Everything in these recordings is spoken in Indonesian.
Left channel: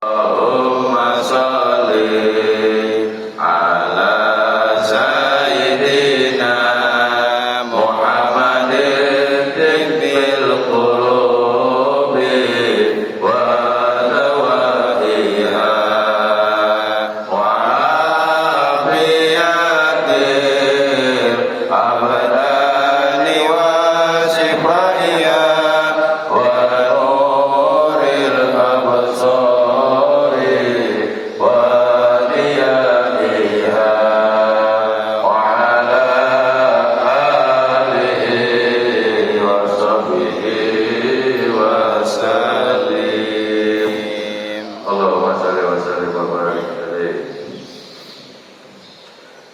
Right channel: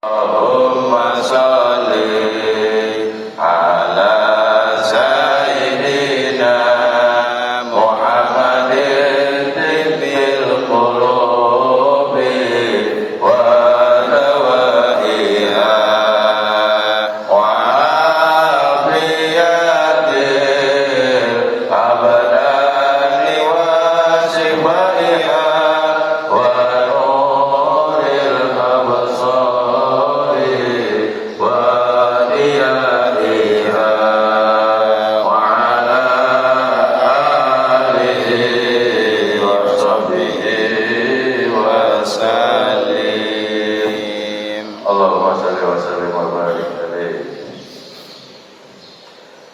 Allahumma sholli ala sayyidina Muhammadin tibbil qulubi wa dawaiha wa afiyatil abdani wa shifaiha wa nuril absar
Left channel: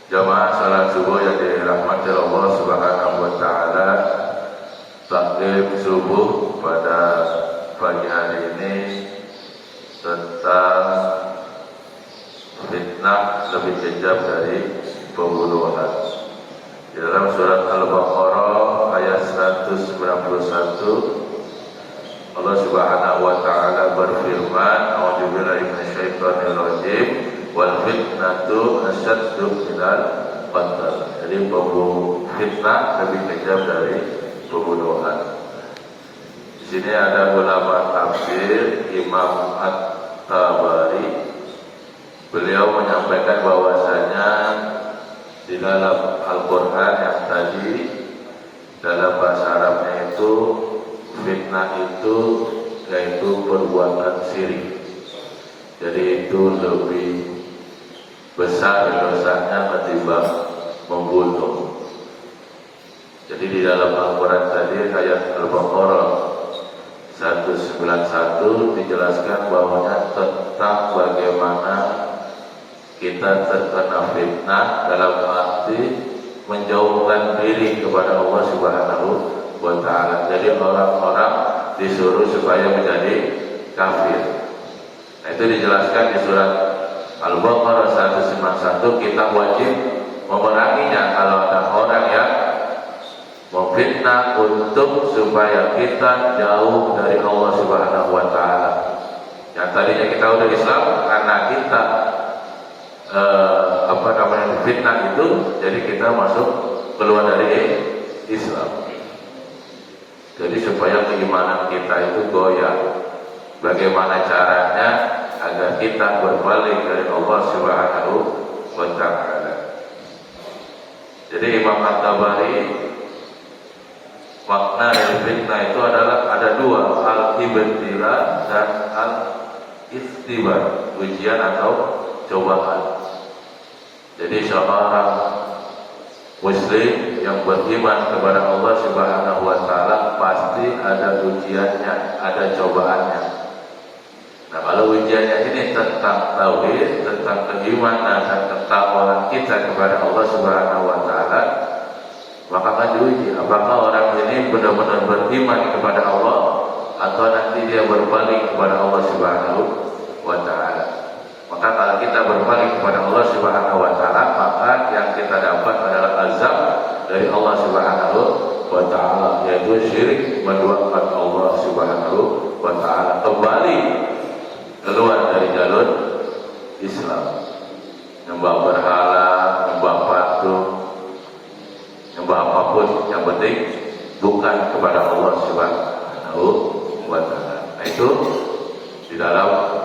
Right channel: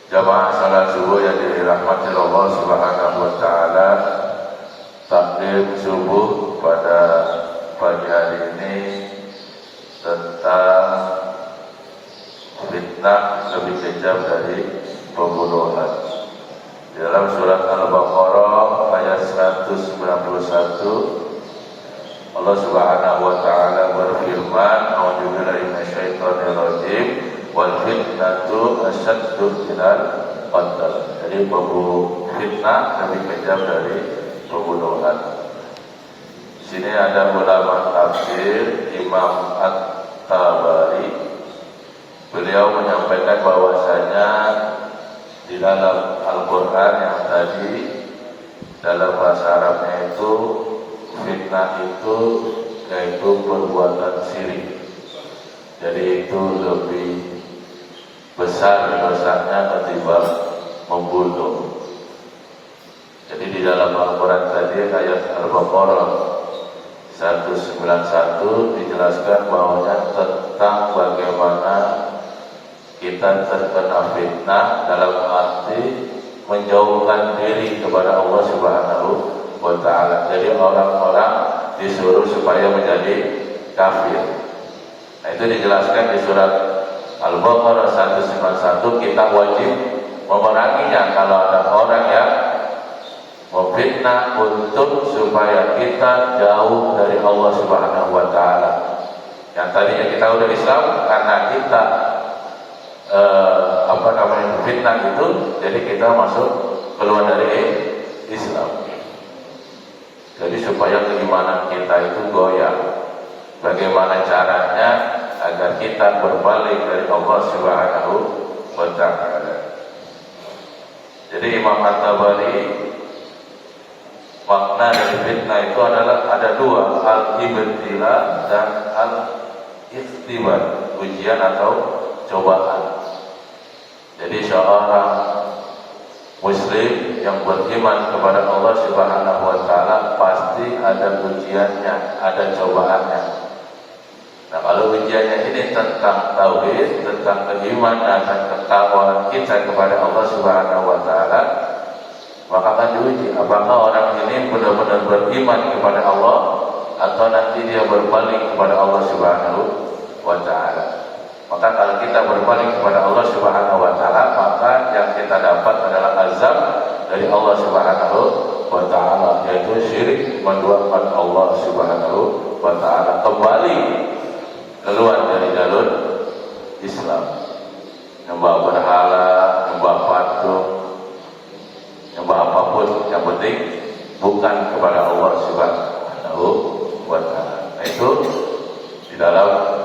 Jamaah salat subuh yang dirahmati Allah Subhanahu wa taala. Taklim subuh pada pagi hari ini tentang fitnah lebih kejam dari pembunuhan. Di dalam surat Al-Baqarah ayat 191 Allah Subhanahu wa taala berfirman, "A'udzubillahi minasyaitonir rajim. Wal fitnatu asyaddu minal qatl." Jadi fitnah lebih kejam dari pembunuhan. Di sini ada ulama tafsir Imam At-Tabari. Beliau menyampaikan bahwasanya di dalam Al-Qur'an yang tadi dalam bahasa Arabnya itu fitnah itu yaitu perbuatan syirik. Jadi itu lebih besar dosanya ketimbang membunuh. Jadi di dalam Al-Quran tadi ayat Al-Baqarah 191 dijelaskan bahwa tentang bagaimana kita terkena fitnah dalam arti menjauhkan diri kepada Allah Subhanahu wa ta'ala. Jadi orang-orang disuruh supaya menjadi kafir. Nah, itu dijelaskan di surat Al-Baqarah 191. Kita wajib memeranginya kalau ada orang yang memfitnah untuk supaya kita jauh dari Allah Subhanahu wa ta'ala. Yang tadinya kita udah Islam, karena kita fitnah itu, jadi kita masuk keluar dari Islam. Jadi supaya keimanan kita itu goyah. Bagaimana caranya agar kita berbalik dari Allah Subhanahu wa ta'ala? Jadi Imam At-Tabari, makna dari fitnah itu adalah ada dua, al-ibtila dan al-ikhtibar, ujian atau cobaan. Jadi seorang Muslim yang beriman kepada Allah Subhanahu wa ta'ala pasti ada ujiannya, ada cobaannya. Nah, kalau ujiannya ini tentang tauhid, tentang keimanan dan ketakwaan kita kepada Allah Subhanahu wa ta'ala, maka akan diuji apakah orang ini benar-benar beriman kepada Allah atau nanti dia berbalik kepada Allah Subhanahu wa ta'ala. Maka kalau kita berbalik kepada Allah Subhanahu wa ta'ala, maka yang kita dapat adalah azab dari Allah Subhanahu wa ta'ala, yaitu syirik, menduakan Allah Subhanahu wa ta'ala, kembali keluar dari jalur Islam, nyembah berhala, nyembah patung, nyembah apapun, yang penting bukan kepada Allah Subhanahu wa ta'ala. Nah, itu di dalam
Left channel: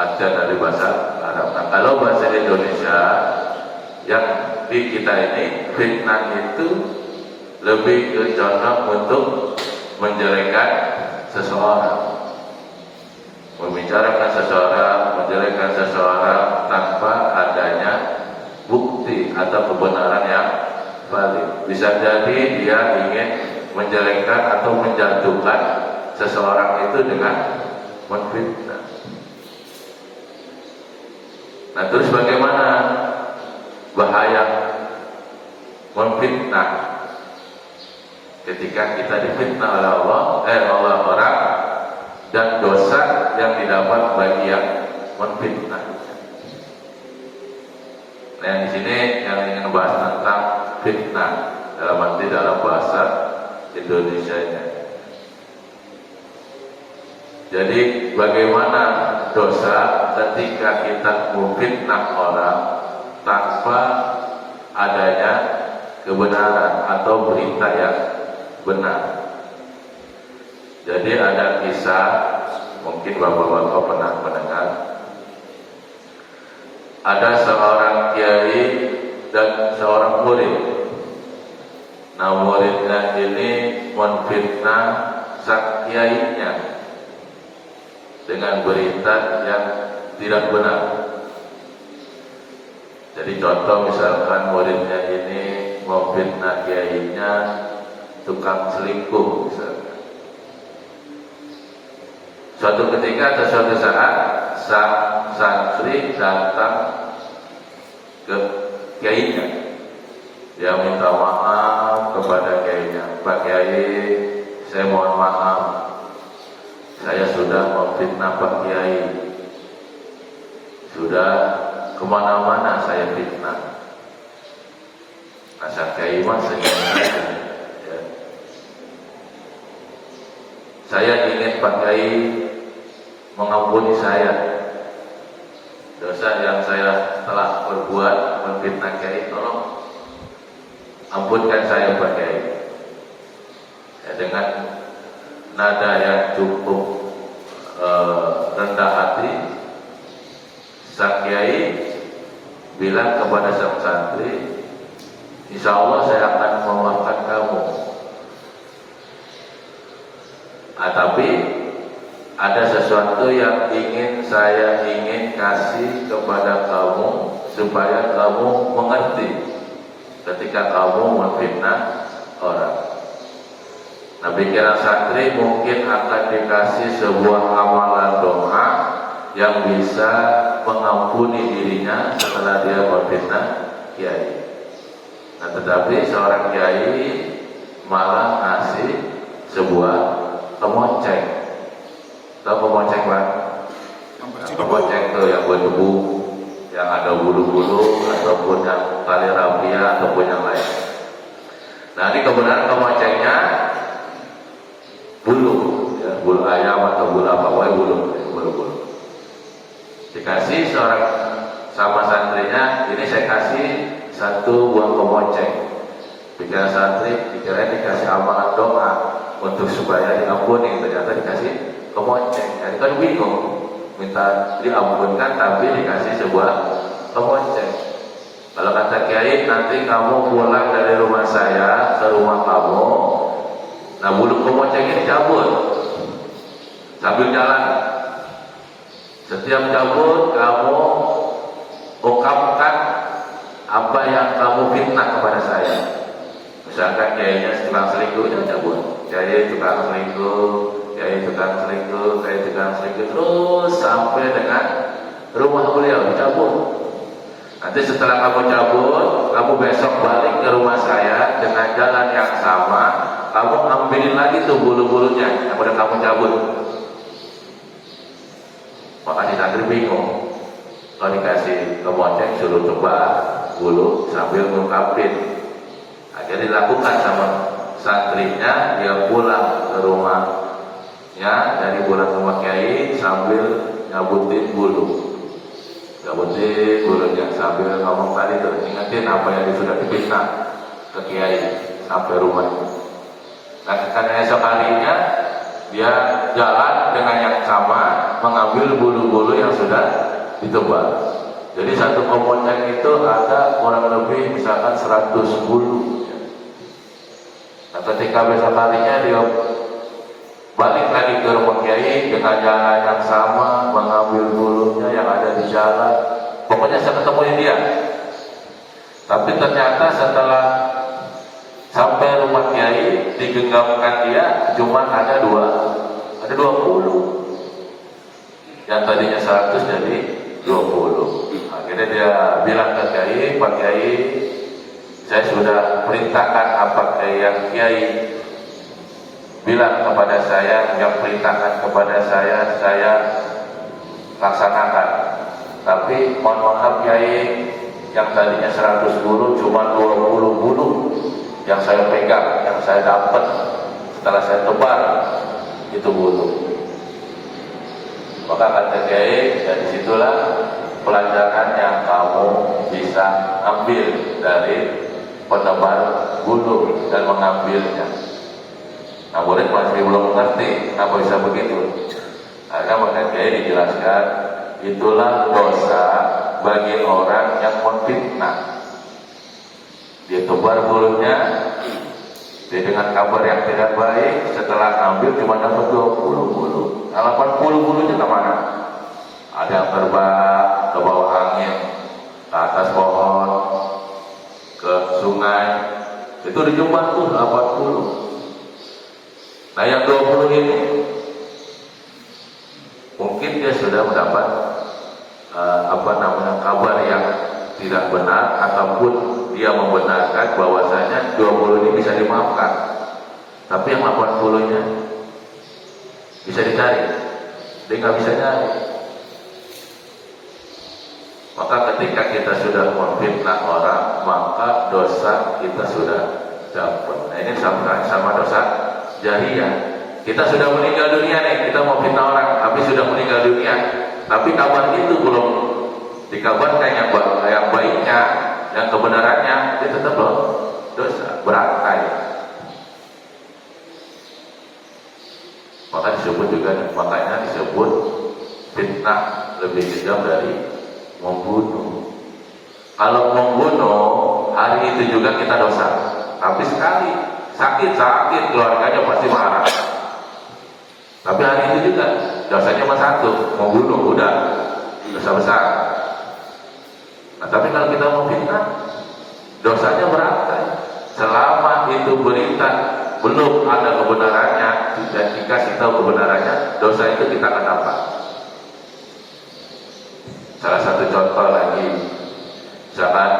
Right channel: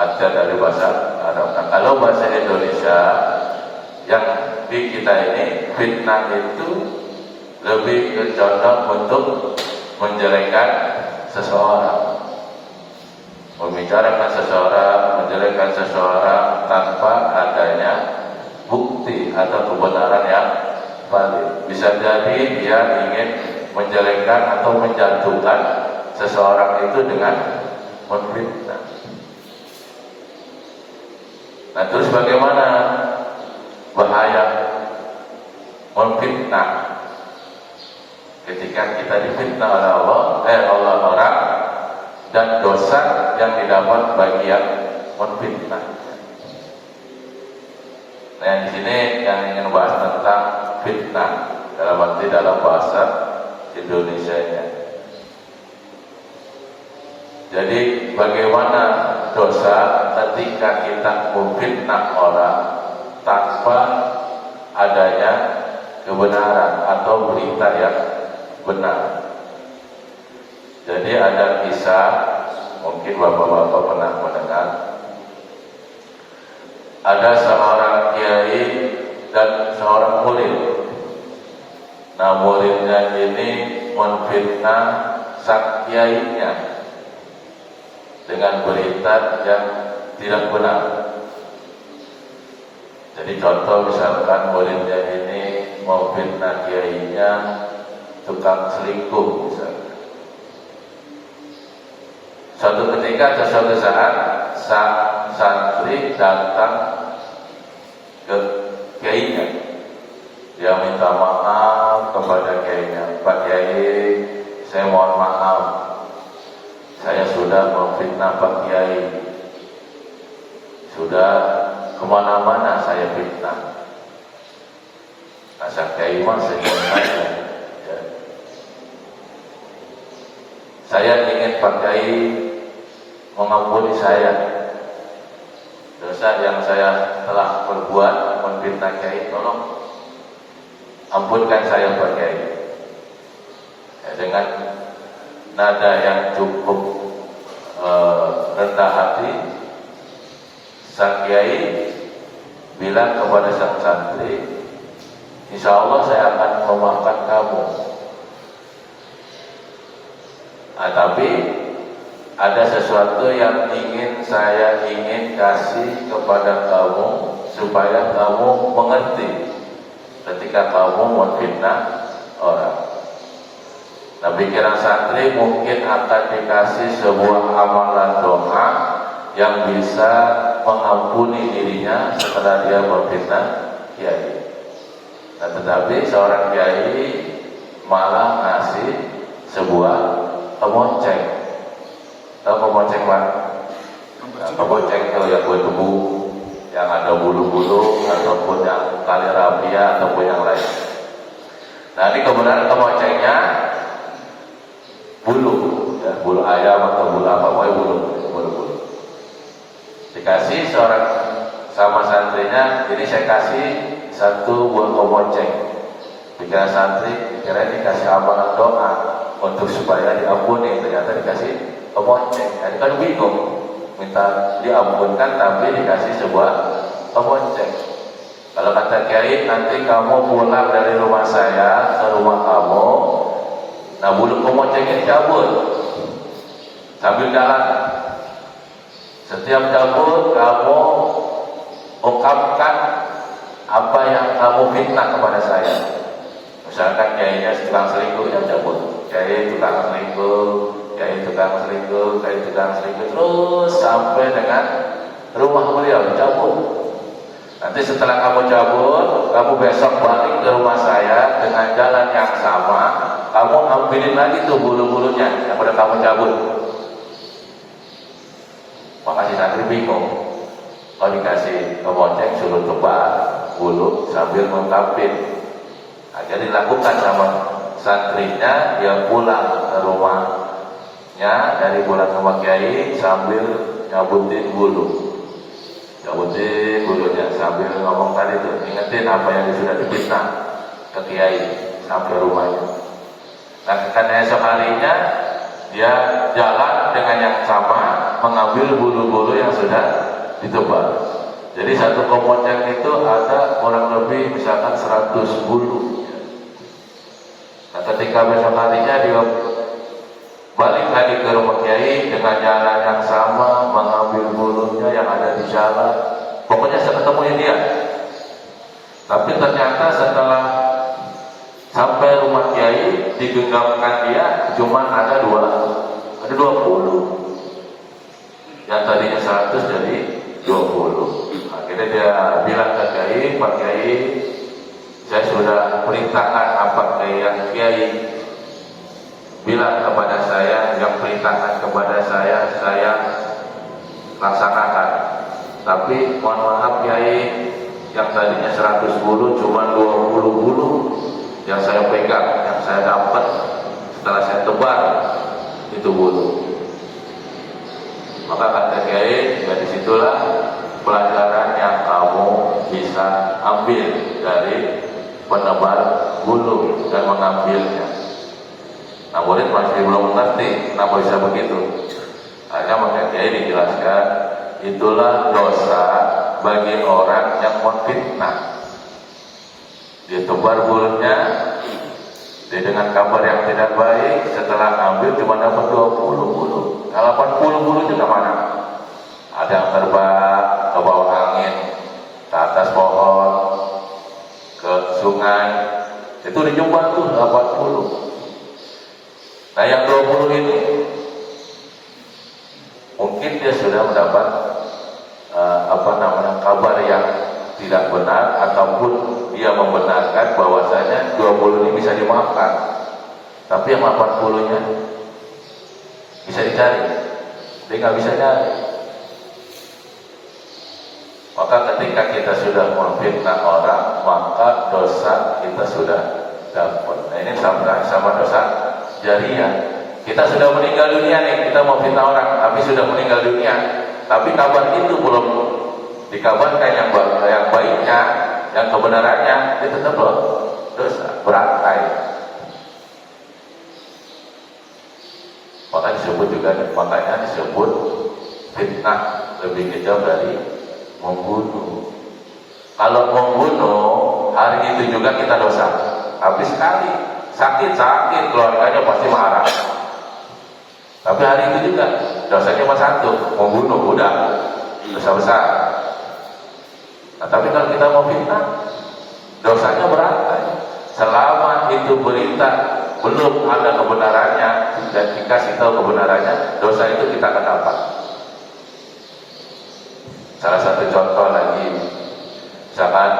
ada dari bahasa Arab. Nah, kalau bahasa Indonesia yang di kita ini, fitnah itu lebih condong untuk menjelekkan seseorang, membicarakan seseorang, menjelekkan seseorang tanpa adanya bukti atau kebenaran yang valid. Bisa jadi dia ingin menjelekkan atau menjatuhkan seseorang itu dengan menfitnah. Nah, terus bagaimana bahaya memfitnah ketika kita difitnah oleh orang dan dosa yang didapat bagi yang memfitnah. Nah, yang di sini yang ingin bahas tentang fitnah dalam bahasa Indonesia-nya. Jadi bagaimana dosa ketika kita memfitnah orang tanpa adanya kebenaran atau berita yang benar. Jadi ada kisah, mungkin bapak-bapak pernah mendengar, ada seorang kiai dan seorang murid. Nah, muridnya ini menfitnah sang kiainya dengan berita yang tidak benar. Jadi contoh misalkan muridnya ini memfitnah kiainya tukang selingkuh misalkan. Suatu ketika atau suatu saat sang santri datang ke kiainya. Dia minta maaf kepada kiainya. Pak Kiai, saya mohon maaf. Saya sudah memfitnah Pak Kiai. Sudah kemana-mana saya fitnah. Asal Kiai mah senyum. Saya ingin Pak Kiai mengampuni saya dosa yang saya telah perbuat memfitnah Kiai. Tolong ampunkan saya Pak Kiai. Ya, dengan nada yang cukup rendah hati, sang Kiai bilang kepada sang santri, insya Allah saya akan memaafkan kamu. Tapi ada sesuatu yang saya ingin kasih kepada kamu supaya kamu mengerti ketika kamu memfitnah orang. Nah, pikiran santri mungkin akan dikasih sebuah amalan doa yang bisa mengampuni dirinya setelah dia memfitnah kiai. Nah, tetapi seorang kiai malah ngasih sebuah kemoceng. Tahu kemoceng Pak? Nah, kemoceng itu yang berdebu, yang ada bulu-bulu ataupun yang tali rapia ataupun yang lain. Nah, ini kebenaran kemocengnya bulu, ya, bulu ayam atau bulu apa, pokoknya bulu-bulu. Dikasih seorang sama santrinya, ini saya kasih satu buah kemoceng. Pikiran santri, pikiran dikasih amalan doa untuk supaya diampuni, ternyata dikasih kemoceng. Itu kan bingung, minta diampunkan tapi dikasih sebuah kemoceng. Kalau kata kiai, nanti kamu pulang dari rumah saya ke rumah kamu, nah bulu kemoceng ini cabut sambil jalan. Setiap cabut kamu ungkapkan apa yang kamu fitnah kepada saya. Misalkan kiainya tukang selingkuh, yang cabut kiai tukang selingkuh, kiai tukang selingkuh, kiai tukang selingkuh, terus sampai dengan rumah beliau dicabut. Nanti setelah kamu cabut, kamu besok balik ke rumah saya dengan jalan yang sama, kamu ambilin lagi tuh bulu-bulunya yang udah kamu cabut. Makanya santri bingung. Kalau dikasih kemoceng suruh coba bulu sambil mengungkapin. Jadi dilakukan sama santrinya, dia pulang ke rumahnya dari pulang ke rumah kiai sambil nyabutin bulunya sambil ngomong tadi tuh, ingetin apa yang sudah difitnah ke kiai sampai rumahnya. Nah, karena esok harinya dia jalan dengan yang sama mengambil bulu-bulu yang sudah ditebal. Jadi satu kemoceng itu ada kurang lebih misalkan 100 bulu. Nah, ketika besok harinya dia balik lagi ke rumah kiai dengan jalan yang sama, mengambil bulunya yang ada di jalan. Pokoknya saya ketemu dia. Tapi ternyata setelah sampai rumah kiai, digenggamkan dia cuma ada 20. Yang tadinya 100 jadi 20. Akhirnya dia bilang ke kiai, Pak Kiai, saya sudah perintahkan apa yang kiai bilang kepada saya, yang perintahkan kepada saya laksanakan. Tapi mohon maaf kiai, yang tadinya 100 bulu cuma 20 bulu yang saya pegang, yang saya dapat setelah saya tebar itu bulu. Maka kata Kiai, dari situlah pelajaran yang kamu bisa ambil dari penebar bulu dan mengambilnya. Nah, murid masih belum mengerti kenapa bisa begitu. Akhirnya maka Kiai dijelaskan, itulah dosa bagi orang yang memfitnah. Dia tebar bulunya, dia dengan kabar yang tidak baik, setelah ambil cuma dapat 20 bulu. Nah, 80 bulu itu kemana? Ada yang terbang ke bawah angin, ke atas pohon, ke sungai. Itu dijumpa tuh 80. Nah, yang 20 ini mungkin dia sudah mendapat kabar yang tidak benar, ataupun dia membenarkan bahwasanya 20 ini bisa dimaafkan. Tapi yang 80-nya bisa dicari, dia nggak bisa nyari. Maka ketika kita sudah memfitnah orang, maka dosa kita sudah dapat. Nah, ini sama dosa jariah. Kita sudah meninggal dunia nih, kita mau fitnah orang, tapi sudah meninggal dunia, tapi kabar itu belum dikabarkan yang baiknya, yang kebenarannya, itu tetap dosa, berakai. Makanya disebut fitnah lebih kejam dari membunuh. Kalau membunuh, hari itu juga kita dosa. Habis sekali, sakit, keluarganya pasti marah. Tapi hari itu juga dosanya cuma satu, membunuh, udah dosa besar. Nah, tapi kalau kita mau fitnah, dosanya berat. Selama itu berita belum ada kebenarannya dan dikasih tahu kebenarannya, dosa itu kita akan dapat. Salah satu contoh lagi, misalkan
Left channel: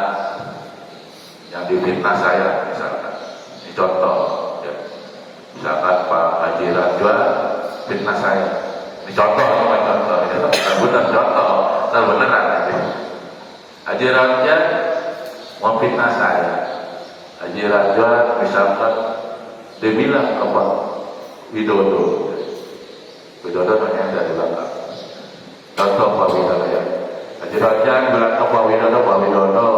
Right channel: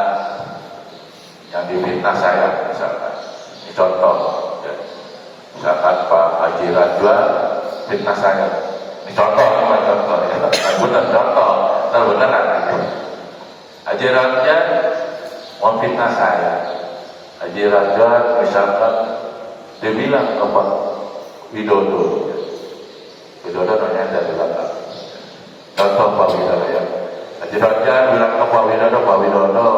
yang difitnah saya, misalkan ini contoh, ya. Misalkan Pak Haji Rajwa fitnah saya, ini contoh, benar contoh, beneran. Haji Rajwa memfitnah saya. Haji Rajwa misalkan dia bilang apa Widodo menyandar di belakang. Contoh Pak Widodo ya. Haji Rajwa bilang ke Pak Widodo,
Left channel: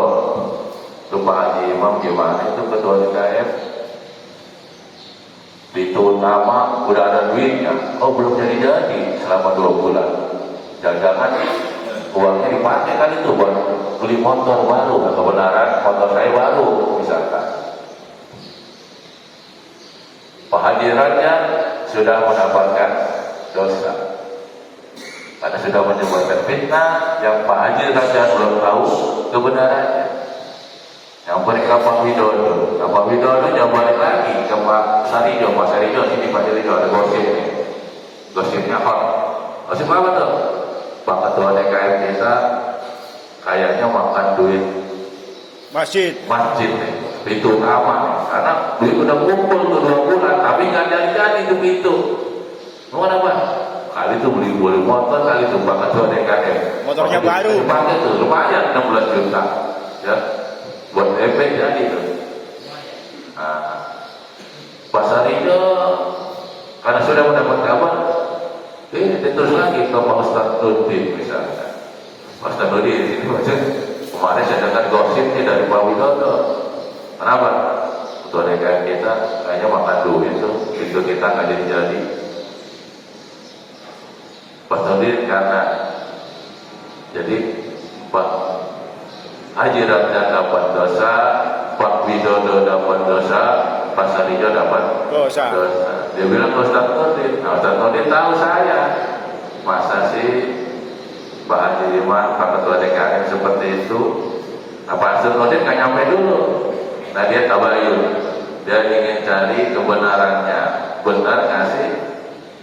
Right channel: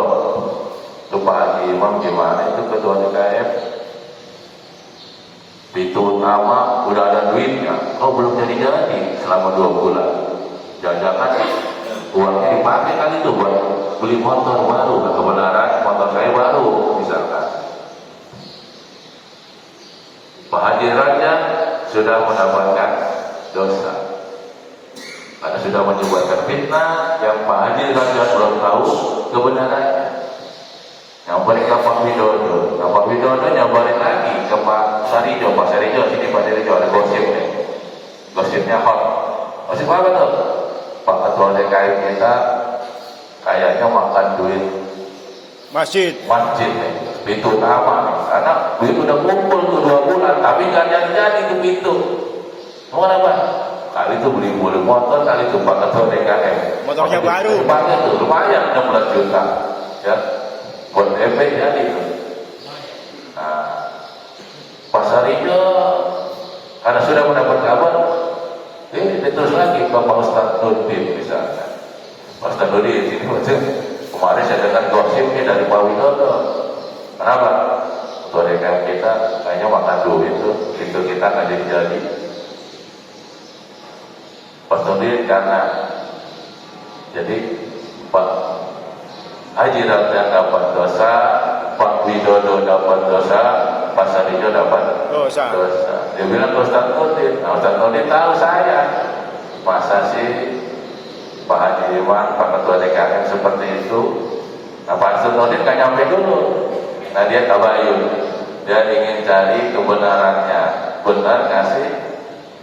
itu Pak Haji Imam gimana itu ketua DKM? Itu utama udah ada duitnya, belum jadi selama 2 bulan. Jangan-jangan uangnya dipakai kan itu buat beli motor baru. Nah, kebenaran motor saya baru misalkan. Kehadirannya sudah mendapatkan dosa karena sudah menyebabkan fitnah yang Pak Haji Rajwa belum tahu kebenarannya. Yang mereka Pak Widodo nyobain lagi ke Pak Sarijo. Pak Sarijo sini, Pak Sarijo ada gosip nih, gosipnya hot. Gosip apa tuh? Pak Ketua DKM kita kayaknya makan duit masjid itu utama, karena duit udah kumpul tuh 2 bulan, tapi nggak jadi ke pintu. Mau apa? Kali itu beli motor, kali itu Pak Ketua DKM motornya baru, lumayan 16 juta, ya buat DP jadi tuh. Nah, Pak Sarijo karena sudah mendapat kabar, terus lagi ke Pak Ustadz Nurdin misalnya. Pak Ustadz Nurdin ini macam kemarin saya dengar gosip ini dari Pak Widodo. Kenapa? Ketua DKM kita kayaknya makan duit tuh, itu kita nggak jadi. Pak Nurdin karena jadi Pak Haji Rajwa dapat dosa, Pak Widodo dapat dosa, Pak Sarijo dapat dosa. Dia bilang ke Ustadz Nurdin. Nah, Ustadz Nurdin tahu saya. Masa sih Pak Haji Iman, Pak Ketua DKM seperti itu? Nah, Pak Ustadz Nurdin kan nyampe dulu. Nah, dia tabayun. Dia ingin cari kebenarannya. Benar nggak sih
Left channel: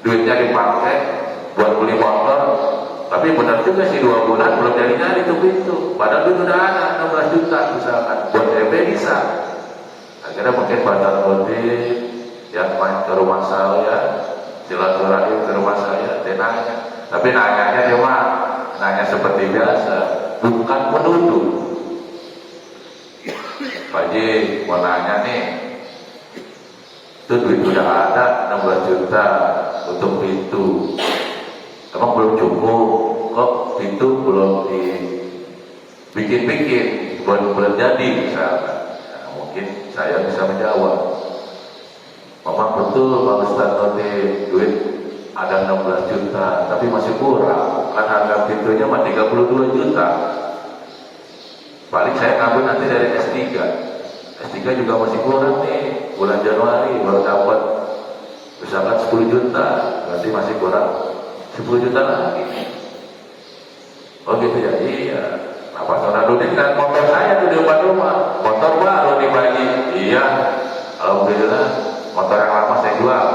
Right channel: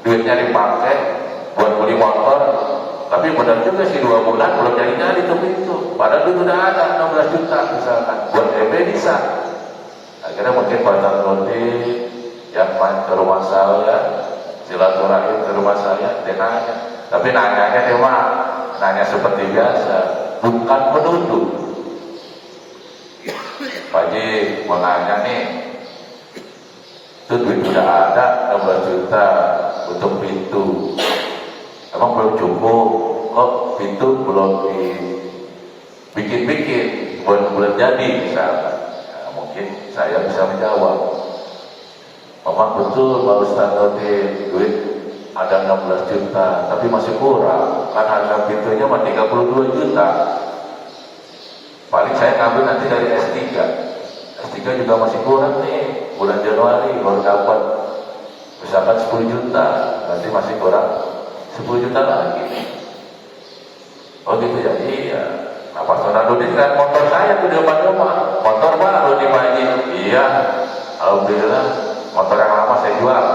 duitnya dipakai buat beli motor? Tapi benar juga sih 2 bulan belum jadi tuh pintu. Padahal duit udah ada 16 juta misalkan. Buat DP bisa. Akhirnya mungkin Pak Ustadz Nurdin yang main ke rumah saya, silaturahim ke rumah saya, dia nanya. Tapi nanyanya memang nanya seperti biasa, bukan menuduh. Pak Haji mau nanya nih, itu duit udah ada 16 juta untuk pintu. emang belum cukup, kok itu belum dibikin-bikin, belum jadi misalnya. Nah, mungkin saya bisa menjawab, memang betul Pak Ustaz tadi duit ada 16 juta, tapi masih kurang, kan harga pintunya mah 32 juta. Paling saya ngambil nanti dari S3. S3 juga masih kurang nih, bulan Januari baru dapat misalkan 10 juta, berarti masih kurang 10 juta lagi. Oh gitu ya, iya. Nah, Pak Sonarudin kan motor saya di depan rumah, motor baru di Bali. Iya, alhamdulillah motor yang lama saya jual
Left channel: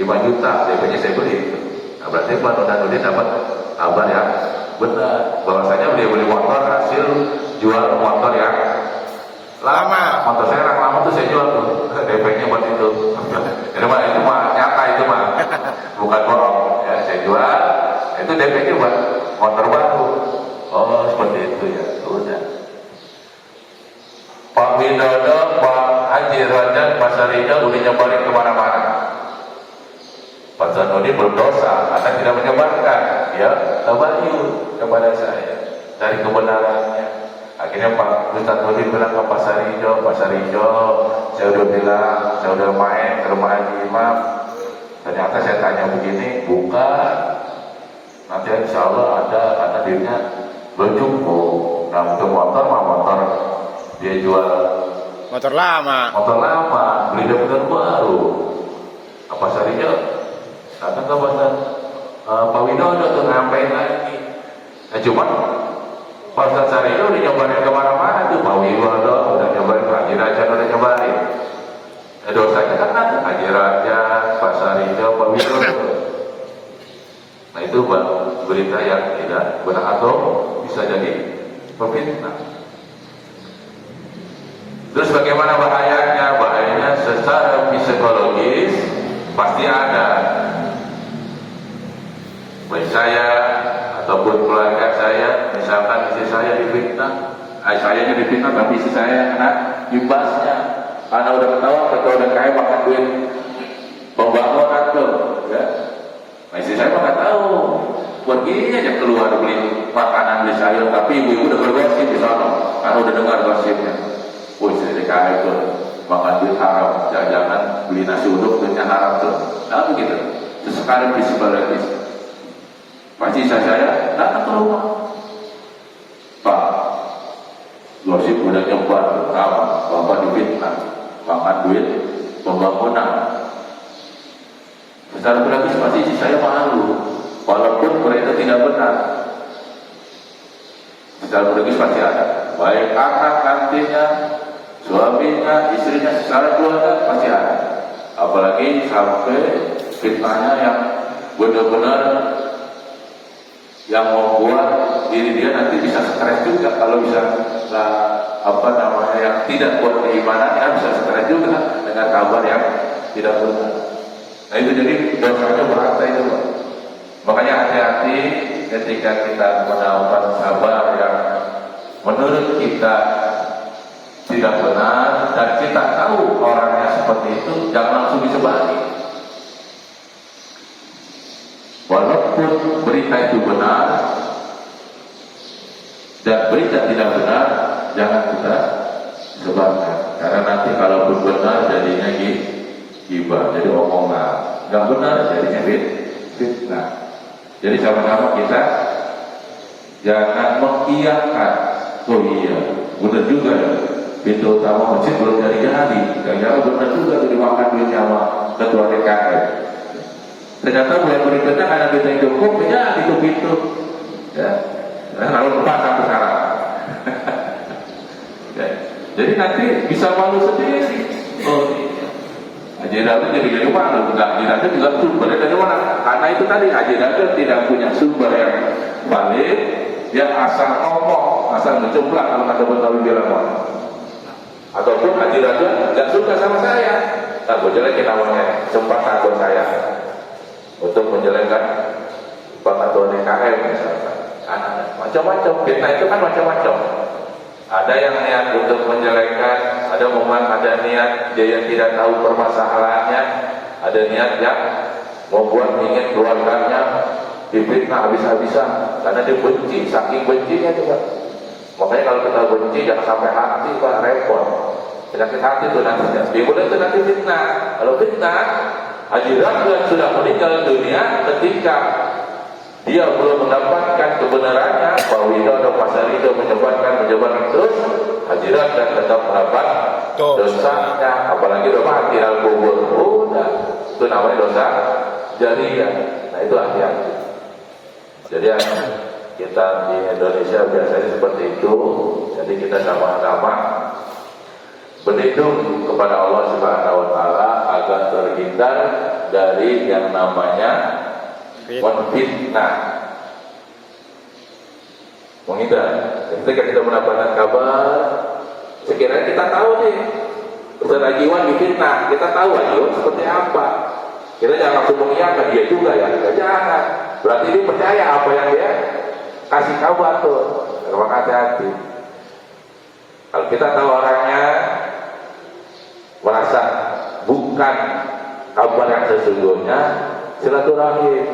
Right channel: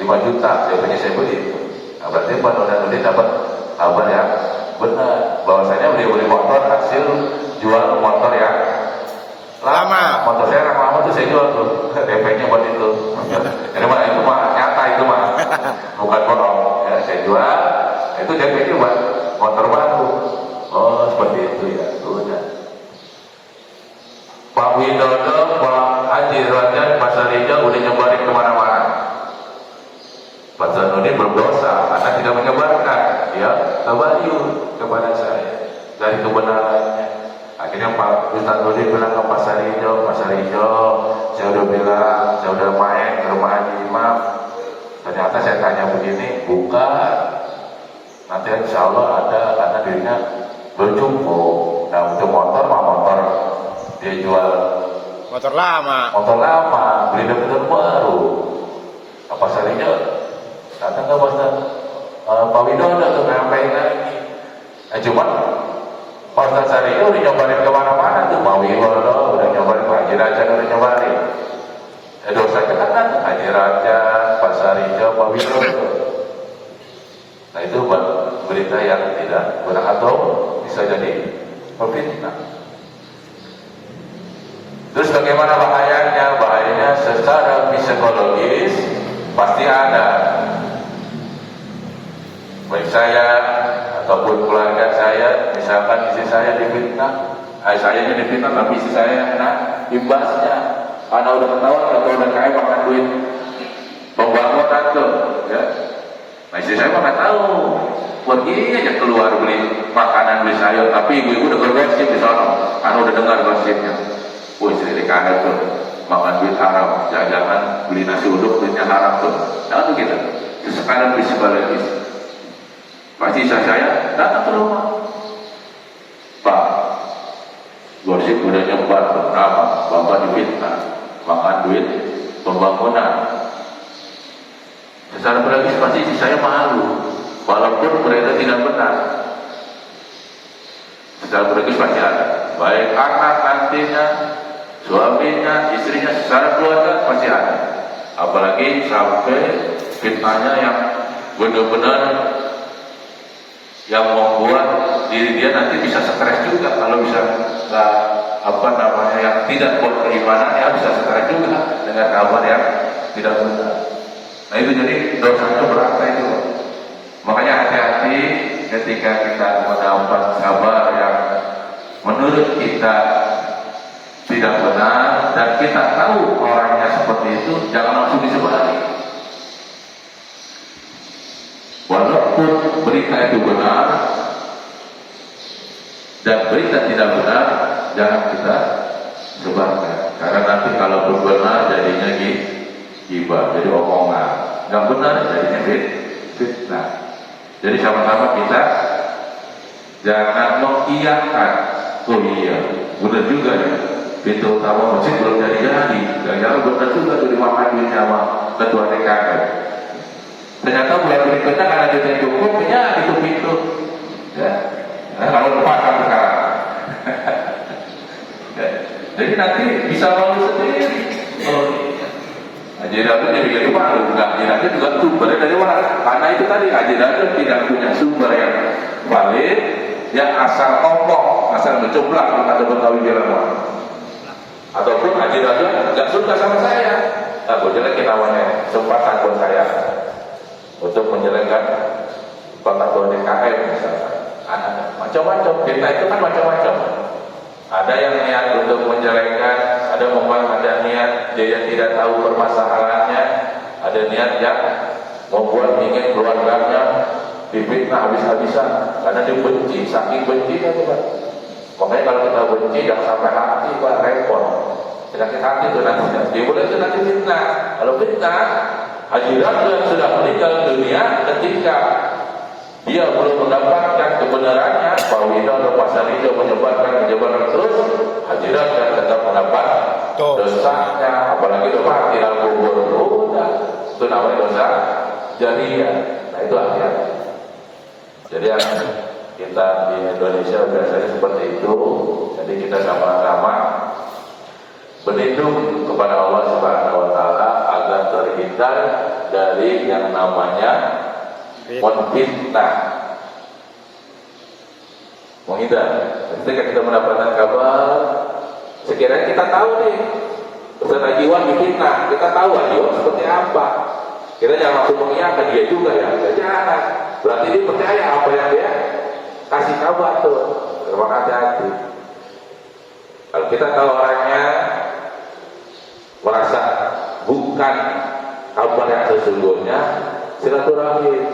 5 juta, biasanya saya beli. Nah, berarti Pak Sonarudin dapat kabar yang benar, bahwasanya dia beli motor hasil jual motor yang lama. Motor saya yang lama tuh saya jual tuh, DP-nya buat itu. Itu mah nyata itu mah, bukan bohong. Ya, saya jual, itu DP-nya buat motor baru. Oh seperti itu ya, udah. Pak Widodo, Pak Haji Rojak, Pak Sarijo udah nyebarin kemana-mana. Pak Zanoni belum dosa, karena tidak menyebarkan, ya tabayun kepada saya dari kebenarannya. Akhirnya Pak Ustaz Nuri bilang ke Pak Sarijo, saya udah bilang, saya udah main ke rumah Haji Imam. Ternyata saya tanya begini, bukan. Nanti insya Allah ada dirinya belum cukup. Nah untuk motor mah motor dia jual motor lama, beli motor baru. Apa Sarijo datang ke Pak Widodo tuh ngapain lagi? Cuma Pak Ustaz Sarijo udah nyobarin kemana-mana tuh, Pak Widodo udah nyobarin, Pak Haji Raja udah nyobarin. Dosanya kan ada Haji Raja, Pak Sarijo, Pak Widodo. Nah itu berita yang tidak benar atau bisa jadi pemfitnah. Terus bagaimana bahayanya? Bahayanya secara psikologis pasti ada. Baik saya ataupun keluarga saya, misalkan istri saya difitnah, saya ini difitnah, tapi istri saya yang kena imbasnya. Karena udah ketahuan, udah kaya makan duit pembangunan tuh, ya. Nah istri saya nggak tahu, perginya aja keluar beli makanan, beli sayur, tapi ibu-ibu udah bergosip di sana, karena udah dengar gosipnya. Oh istri DKI tuh makan duit haram, jangan beli nasi uduk duitnya haram tuh, nah gitu. Itu sekarang psikologis. Pasti saya datang ke rumah, Pak, gosip udah nyebar berapa, bapak difitnah, makan duit pembangunan. Secara psikologis pasti saya malu, walaupun mereka tidak benar. Secara psikologis pasti ada, baik anak nantinya, suaminya, istrinya, secara keluarga pasti ada. Apalagi sampai fitnahnya yang benar-benar yang membuat diri dia nanti bisa stres juga. Kalau bisa yang tidak buat keimanannya bisa stres juga dengan kabar yang tidak benar. Nah itu jadi dosanya berat itu. Makanya hati-hati ketika kita mendapat kabar yang menurut kita tidak benar dan kita tahu orangnya seperti itu, jangan langsung disebarin. Walaupun berita itu benar dan berita tidak benar, jangan kita sebarkan. Karena nanti kalau benar jadinya gibah, jadi omongan. Nggak benar jadinya fitnah. Jadi sama-sama kita jangan mengiyakan. Oh iya, benar juga ya. Pintu utama masjid belum jadi. Jangan benar juga tuh dimakan duit sama ketua TKR. Ternyata bulan berikutnya karena duitnya cukup, ya itu pintu. Ya, kalau lupa sampai sekarang. Ya. Jadi nanti bisa malu sendiri. Oh iya. Haji Raja jadi malu, enggak? Haji Raja juga sumbernya dari mana? Karena itu tadi Haji Raja tidak punya sumber yang valid, yang asal ngomong, asal mencoblak kalau ada Betawi bilang wah. Ataupun Haji Raja nggak suka sama saya, nah gue jelekin namanya, sempat takut saya untuk menjelekkan Pak Ketua DKM misalkan. Macam-macam, fitnah itu kan macam-macam. Ada yang niat untuk menjelekkan, ada niat dia yang tidak tahu permasalahannya, ada niat yang membuat ingin keluarganya difitnah habis-habisan karena dia benci, saking bencinya tuh Pak. Makanya kalau kita benci jangan sampai hati Pak, repot. Penyakit hati itu nantinya. Dimulai itu nanti fitnah. Kalau fitnah, Haji Radwan sudah meninggal dunia ketika dia belum mendapatkan kebenarannya. Pak Widodo, Pak Sarido menyebarkan terus. Haji Radwan tetap mendapat dosanya. Apalagi udah mati dalam kubur. Udah, itu namanya dosa jariah. Nah itu hati-hati. Jadi yang kita di Indonesia biasanya seperti itu. Jadi kita sama-sama berlindung kepada Allah Subhanahu wa taala agar terhindar dari yang namanya menfitnah. Menghindar. Ketika kita mendapatkan kabar, sekiranya kita tahu nih, Ustaz Iwan difitnah, kita tahu Iwan seperti apa. Kita jangan langsung mengiyakan dia juga ya, jangan. Berarti dia percaya apa yang dia kasih kabar tuh. Maka hati-hati. Kalau kita tahu orangnya merasa bukan kabar yang sesungguhnya, silaturahim,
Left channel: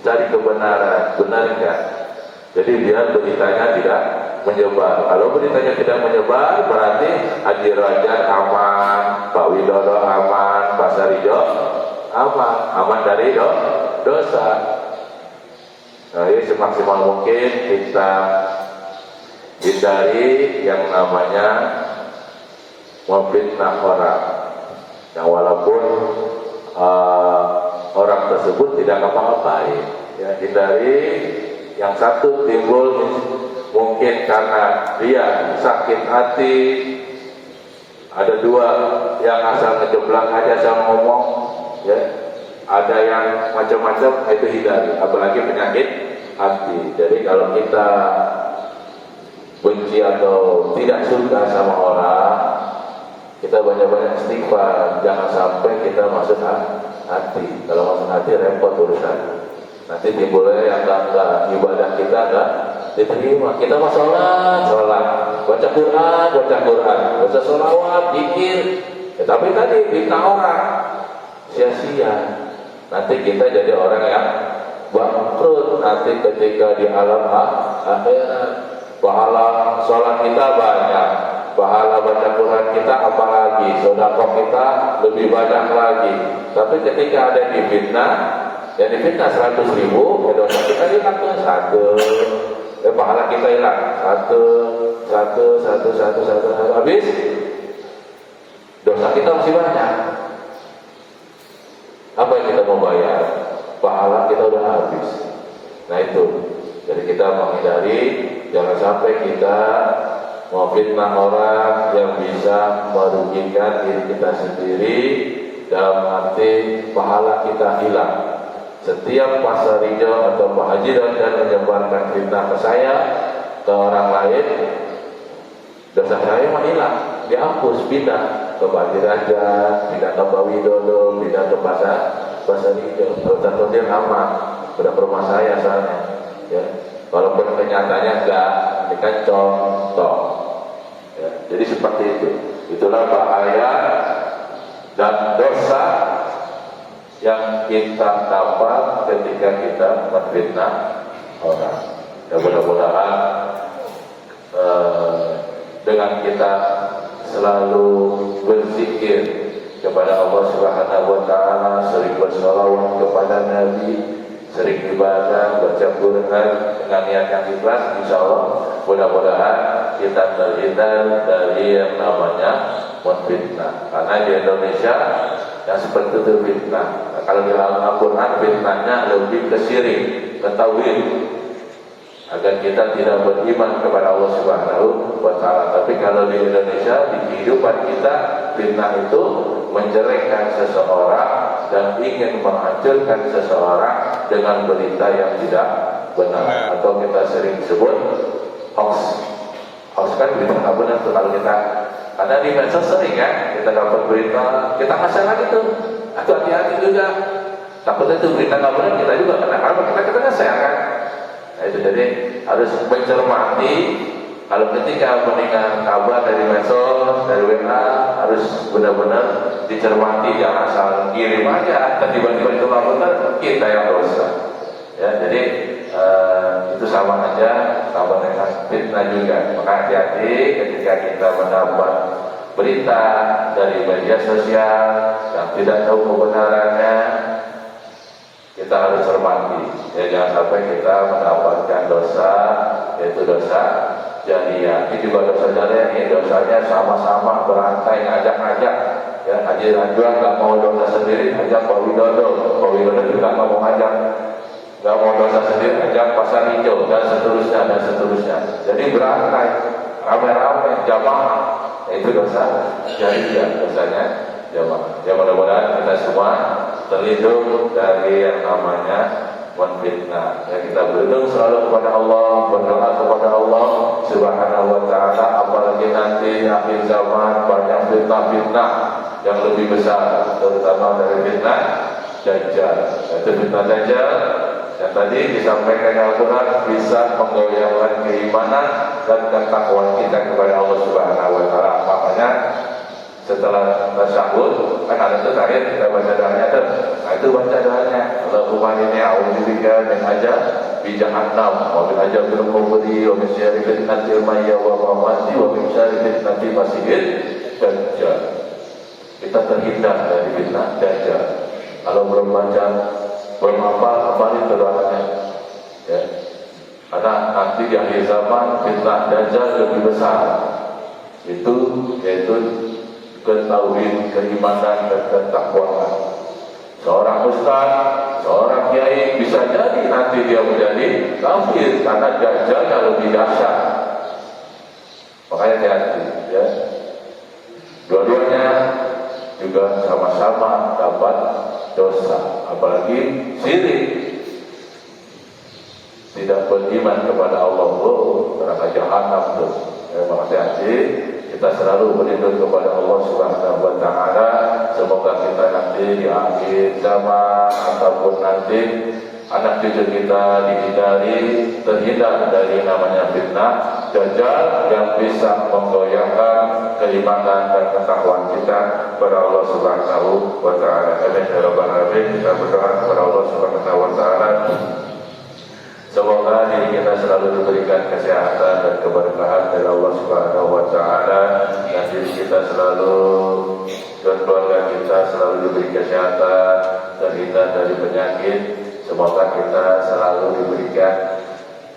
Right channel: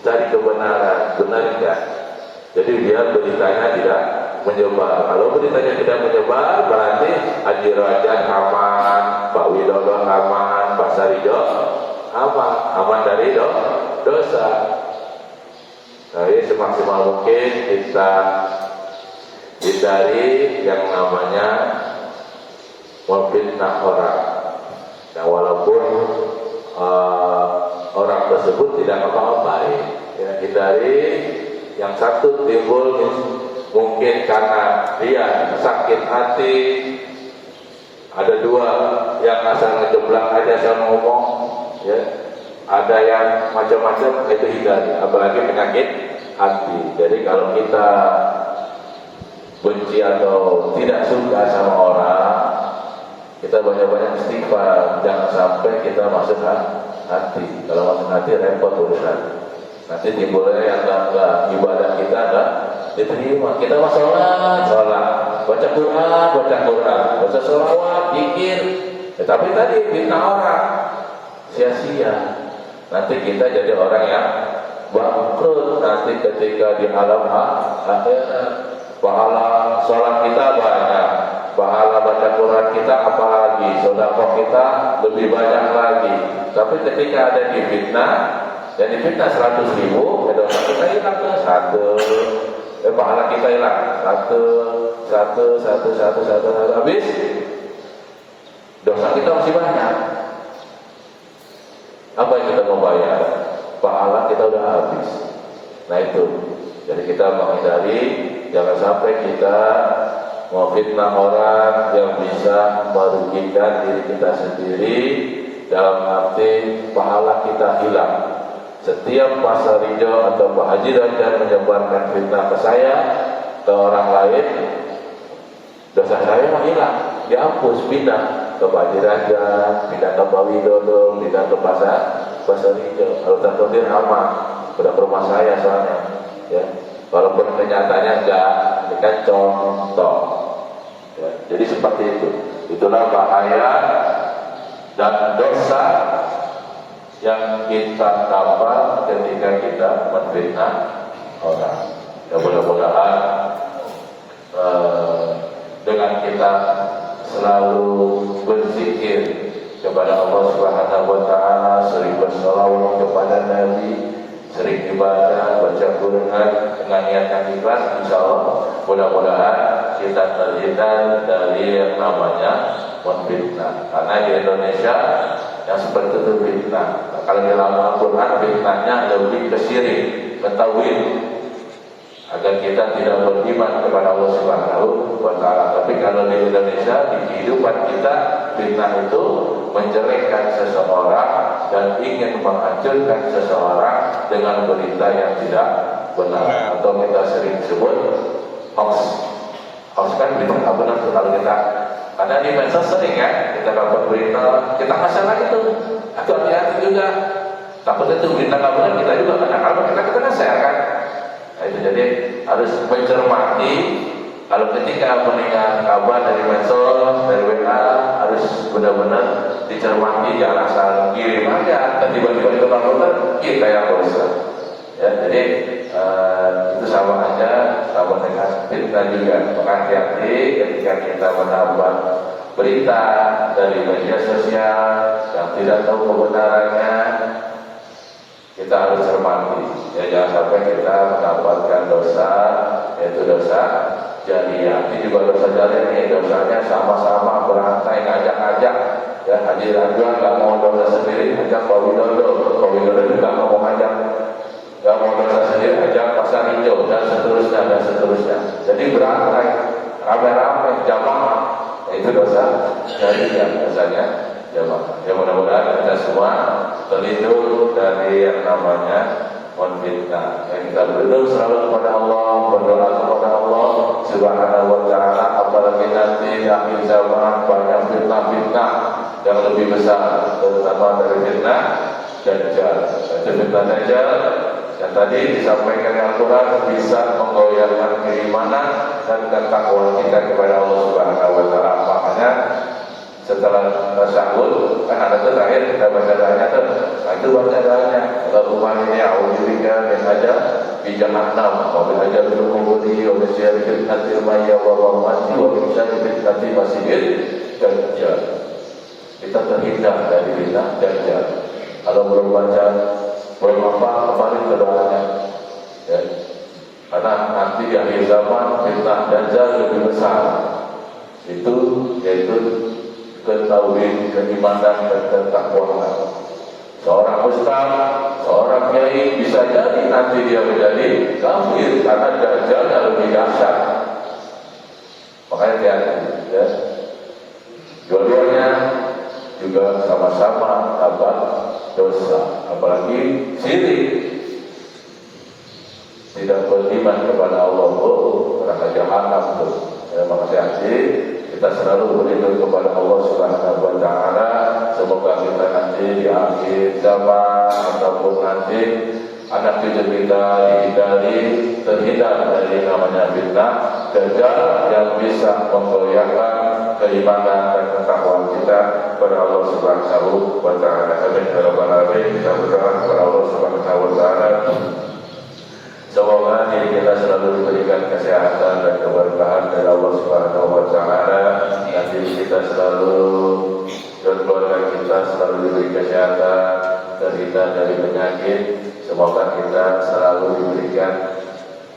cari kebenaran, benar enggak? Jadi biar beritanya tidak menyebar. Kalau beritanya tidak menyebar, berarti Haji Rajat aman, Pak Widodo aman, Pak Sarido aman dari dosa. Jadi semaksimal mungkin kita hindari yang namanya memfitnah orang. Nah, walaupun orang tersebut tidak apa-apa, ya, hindari. Yang satu timbul mungkin karena dia sakit hati. Ada dua yang asal ngejeblak aja sama ngomong, ya. Ada yang macam-macam, itu hindari. Apalagi penyakit hati. Jadi kalau kita benci atau tidak suka sama orang, kita banyak-banyak istighfar. Jangan sampai kita masuk hati. Kalau masuk hati repot urusan. Nanti timbulnya yang enggak ibadah kita enggak diterima. Kita mau sholat, baca Quran, baca sholawat, zikir. Tetapi tadi fitnah orang, sia-sia. Nanti kita jadi orang yang bangkrut. Nanti ketika di alam akhirat, pahala sholat kita banyak, pahala baca Quran kita apalagi, sedekah kita lebih banyak lagi. Tapi ketika ada difitnah, yang difitnah 100.000, ya dosa kita hilang tuh 1, pahala kita hilang 1, habis dosa kita masih banyak. Apa yang kita mau bayar? Pahala kita udah habis. Nah itu, jadi kita menghindari jangan sampai kita memfitnah orang yang bisa merugikan diri kita sendiri, dalam arti pahala kita hilang. Setiap Pak Sarijo atau Pak Haji Rajat menyebarkan fitnah ke saya, ke orang lain, dosa saya mah hilang, dihapus, pindah ke Pak Haji Rajat, pindah ke Pak Widodo, pindah ke Pak Sarijo. Kalau tertentu aman, sudah ke rumah saya soalnya, ya. Walaupun kenyataannya enggak, ini kan contoh, ya. Jadi seperti itu. Itulah bahaya dan dosa yang kita dapat ketika kita menfitnah orang. Ya, mudah-mudahan dengan kita selalu berzikir kepada Allah Subhanahu wa taala, sering berselawat kepada Nabi, sering ibadah, baca Quran dengan niat yang ikhlas, insyaallah mudah-mudahan kita terhindar dari yang namanya menfitnah. Karena di Indonesia yang seperti itu fitnah. Nah, kalau di dalam Al-Quran fitnahnya lebih ke syirik, ke tauhid, agar kita tidak beriman kepada Allah Subhanahu wa taala. Tapi kalau di Indonesia, di kehidupan kita, fitnah itu menjelekkan seseorang dan ingin menghancurkan seseorang dengan berita yang tidak benar, atau kita sering sebut hoax. Hoax kan berita nggak benar tuh kalau kita. Karena di medsos sering kan, kita dapat berita, kita ngasih lagi tuh, hati-hati juga. Takutnya itu berita nggak benar, kita juga kena, kalau kita ngasih kan. Nah itu jadi harus mencermati. Kalau ketika mendengar kabar dari medsos, dari WA, harus benar-benar dicermati, jangan asal kirim aja, dan tiba-tiba itu nggak benar, kita yang dosa. Ya, jadi itu sama aja sama dengan fitnah juga. Maka hati-hati ketika kita mendapat berita dari media sosial yang tidak tahu kebenarannya, kita harus cermati. Ya, jangan sampai kita mendapatkan dosa, yaitu dosa jariah. Ini juga dosa jariah ini dosanya sama-sama berantai, ngajak-ngajak. Ya, Haji Rajwa nggak mau dosa sendiri, ajak Pak Widodo. Pak Widodo juga nggak mau ngajak, nggak mau dosa sendiri, ajak Pasar Hijau dan seterusnya dan seterusnya. Jadi berantai, rame-rame, jamaah. Itu dosa jariah, dosanya jamaah. Ya, mudah-mudahan kita semua terlindung dari yang namanya menfitnah. Ya, kita berlindung selalu kepada Allah, berdoa kepada Allah Subhanahu wa taala, apalagi nanti akhir zaman banyak fitnah-fitnah yang lebih besar, terutama dari fitnah Dajjal. Itu fitnah Dajjal yang tadi disampaikan Al-Quran bisa menggoyahkan keimanan dan ketakwaan kita kepada Allah Subhanahu wa taala. Makanya setelah tasyahud kan ada tuh terakhir kita baca doanya tuh. Nah, itu baca doanya. Allahumma inni a'udzubika min bi jahannam wa min azabil qabri wa min syarri fitnatil mahya wa mamati wa min syarri fitnatil masiihid dajjal. Kita terhindar dari fitnah Dajjal. Kalau belum baca, belum apa, kembali ke doanya. Ya. Karena nanti di akhir zaman fitnah Dajjal lebih besar. Itu yaitu ketauhid, keimanan dan ketakwaan. Seorang ustaz, seorang kiai bisa jadi nanti dia menjadi kafir karena Dajjalnya lebih dahsyat. Makanya hati-hati, ya. Dua-duanya juga sama-sama dapat dosa, apalagi syirik. Tidak beriman kepada Allah, neraka jahanam tuh. Ya, maka hati-hati. Kita selalu berlindung kepada Allah Subhanahu wa taala. Semoga kita nanti di akhir zaman ataupun nanti anak cucu kita dihindari, terhindar dari namanya fitnah Dajjal yang bisa menggoyahkan keimanan dan ketakwaan kita kepada Allah Subhanahu wa taala. Amin ya rabbal alamin. Kita berdoa kepada Allah Subhanahu wa taala. Semoga diri kita selalu diberikan kesehatan dan keberkahan dari Allah Subhanahu wa taala, dan diri kita selalu dan keluarga kita selalu diberi kesehatan, terhindar dari penyakit. Semoga kita selalu diberikan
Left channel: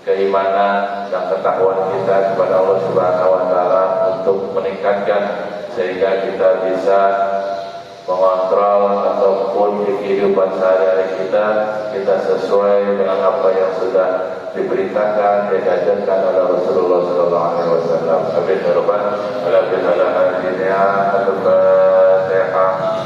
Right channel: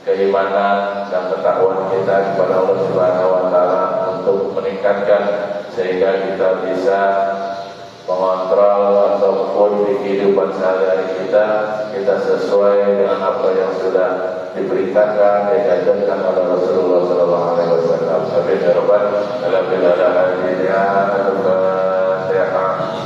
keimanan dan ketakwaan kita kepada Allah Subhanahu wa taala untuk meningkatkan sehingga kita bisa mengontrol ataupun di kehidupan sehari-hari kita sesuai dengan apa yang sudah diberitakan dan diajarkan oleh Rasulullah sallallahu alaihi wasallam. Amin ya rabbal alamin. Al-Fatihah.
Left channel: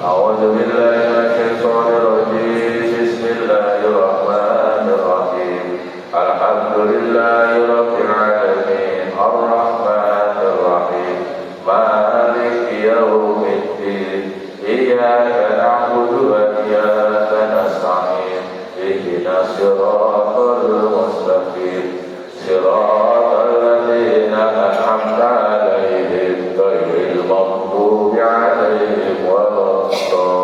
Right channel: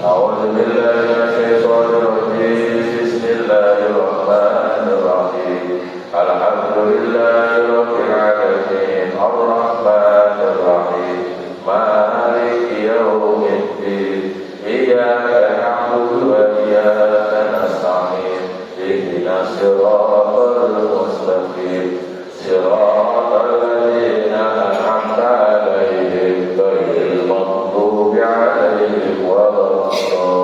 A'udzu billahi minasyaitonir rajim. Bismillahirrahmanirrahim. Alhamdulillahi rabbil alamin. Ar-Rahmanir Rahim. Maliki yaumiddin. Iyyaka na'budu wa iyyaka nasta'in. Ihdinas siratal mustaqim. Siratal ladzina an'amta 'alaihim ghairil maghdubi 'alaihim waladdallin.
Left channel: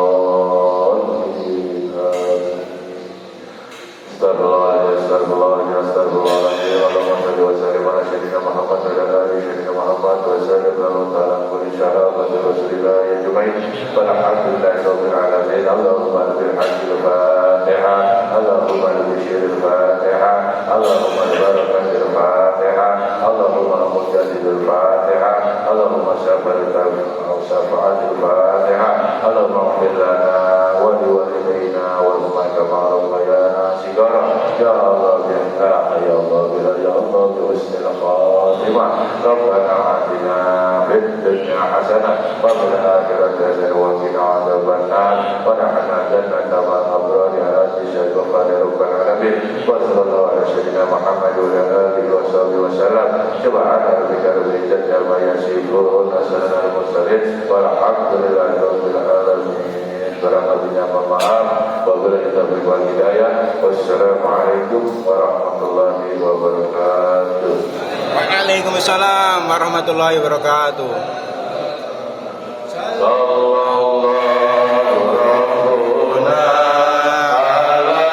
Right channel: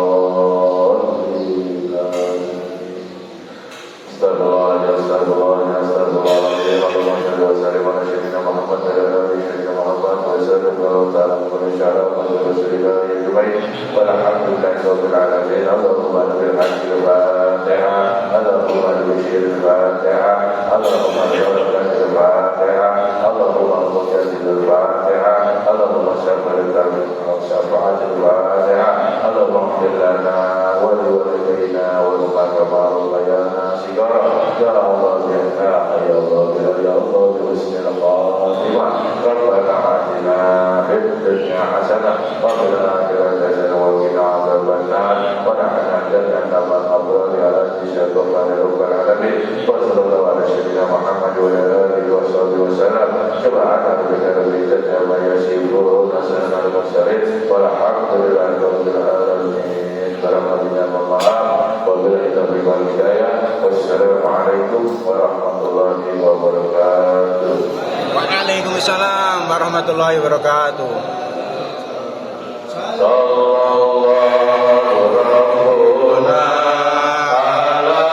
Astagfirullahaladzim, astagfirullahaladzim. Allahumma shalli wa sallim ala sayyidina Muhammad wa ala ali sayyidina Muhammad wa sallallahu ta'ala kulli syara wa rasulillah ya jumain walhamdulillahi rabbil alamin. Allahumma bil hajjil fatihah, Allahumma bil syiril fatihah, Allahumma barakatil fatihah, Allahumma mujadidil fatihah, Allahumma syafa'atil fatihah, Allahumma ighfir lana wa liwalidayna wa liman rabbayana sigara. Ya Allah ya Allah ya Allah bi husnil khatimah. Rabbana atina fid dunya hasanah wa fil akhirati hasanah wa qina adzabannar. Wa nahna jannata ma'al abrar ala jannati rabbil alamin. Wa sallallahu ala sayyidina Muhammad wa ala alihi wa sahbihi wa sallam. Subhana rabbika rabbil izzati amma yasifun wa salamun alal mursalin walhamdulillahi rabbil alamin. Barangkalinya mohon maaf. Wabillahi taufiq wal hidayah. Wassalamualaikum warahmatullahi wabarakatuh. Waalaikumsalam warahmatullahi wabarakatuh. Sallallahu rabbuna ala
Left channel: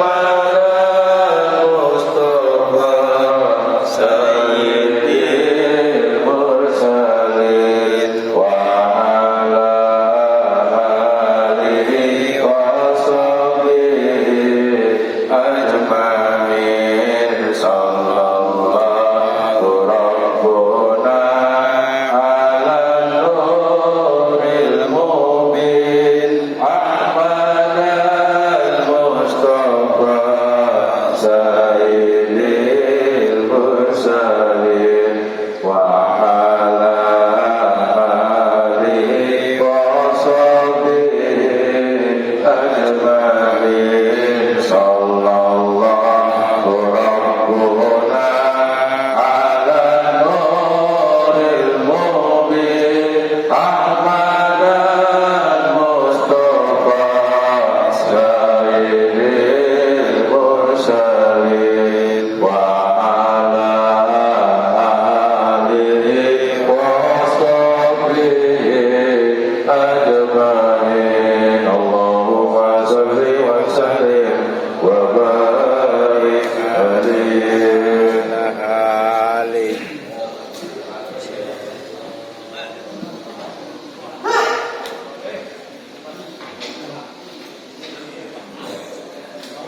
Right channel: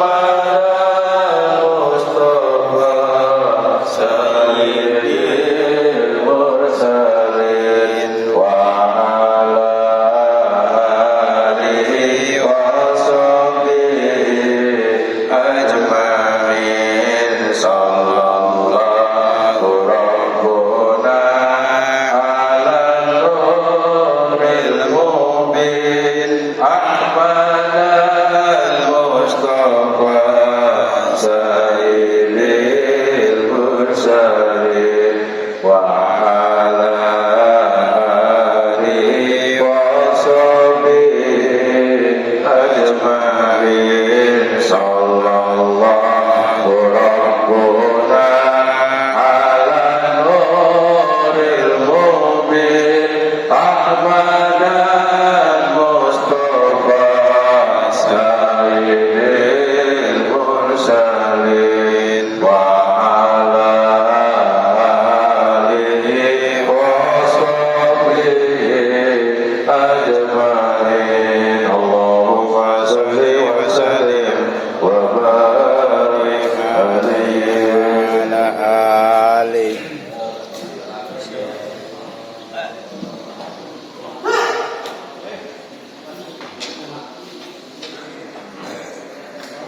kepada